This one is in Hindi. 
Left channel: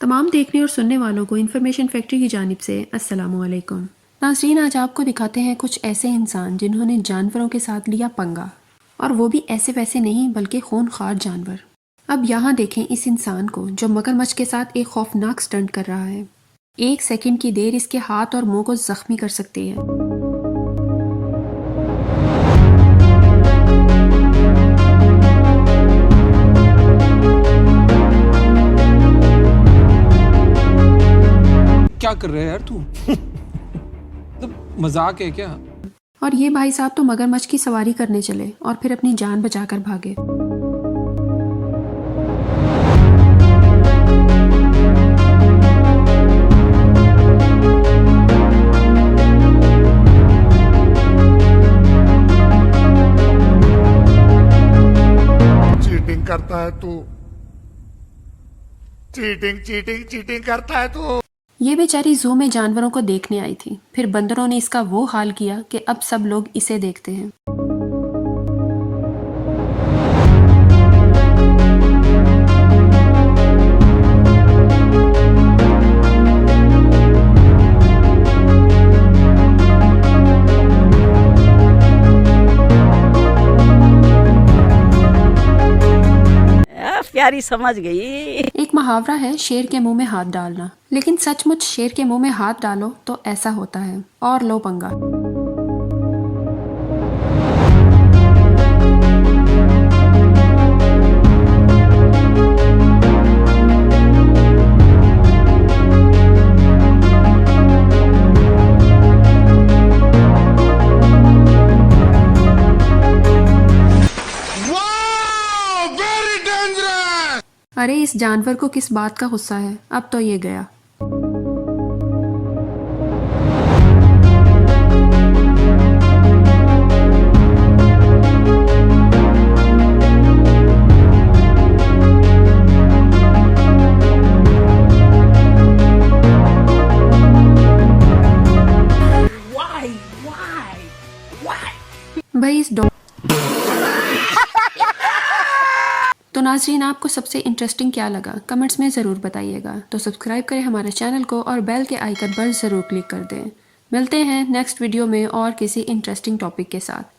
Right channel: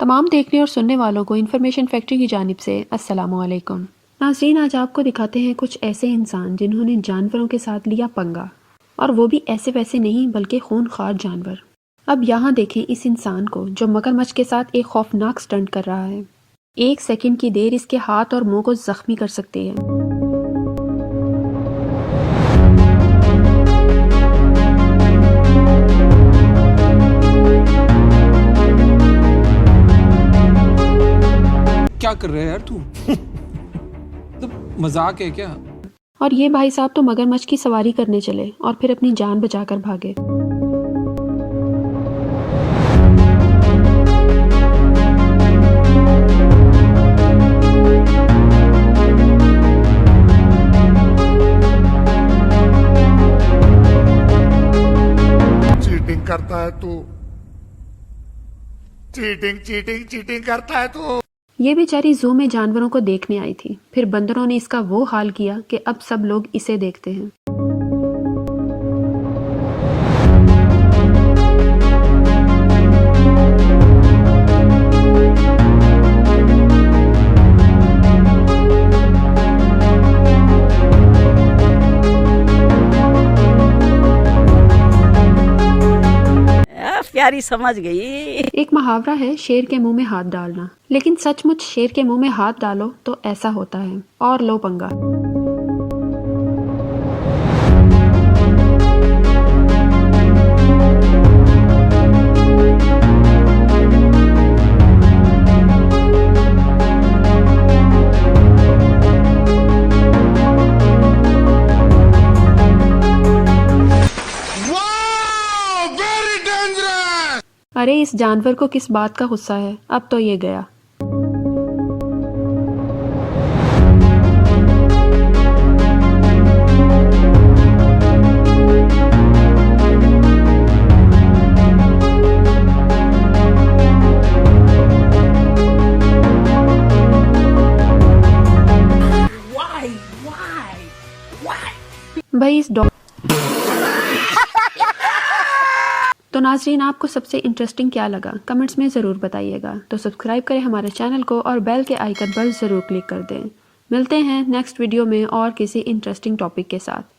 तमाम देखने और सुनने वालों को इन्फॉर्मेशन फैक्ट्री की जानिब से अस्सलामु अलैकुम। नाज़रीन, आज आपको दिखाते हैं कुछ ऐसे इंसान जिन्होंने जानवरों के साथ लिया पंगा, और वो भी ऐसे वैसे नहीं बल्कि खूनख्वार जानवर। अब यहाँ देखें इस इंसान को जो मगरमच्छ के साथ एक खौफनाक स्टंट कर रहा है। एक सेकंड की देर इसके हाथ और मुंह को जख्मी कर सकती है। क्या कर रहा है यार तू? मतलब मजाक है क्या? और ये भाई साहब तो मगरमच्छ की सवारी करने चले और फिर अपनी जान बचाकर भागे। चीटिंग करता है तू। चीटिंग चीटिंग चीटिंग करता है तू। ये बेचारी जू में जानवरों को देखने आई थी, फिर बंदरों ने इसका वो हाल किया कि अब सब लोग इसे देखते हैं। प्यारी समझ गई। एक मुहावरा है शेर के मुंह में हाथ डालना, लेकिन सचमुच शेर के मुंह में हाथ डालो तो ऐसा होता है। और लो पंगा। अरे इस जानवर को किस बात का गुस्सा है, अब तो ये गया। भाई इस डॉग तो नाज़रीन, आपको सबसे इंटरेस्टिंग क्या लगा कमेंट्स में ज़रूर बताइएगा। तो सब्सक्राइब करें हमारे चैनल को और बेल के आइकन पर ज़रूर क्लिक कर दें। मिलते हैं नेक्स्ट वीडियो में और किसी इंटरेस्टिंग टॉपिक के साथ।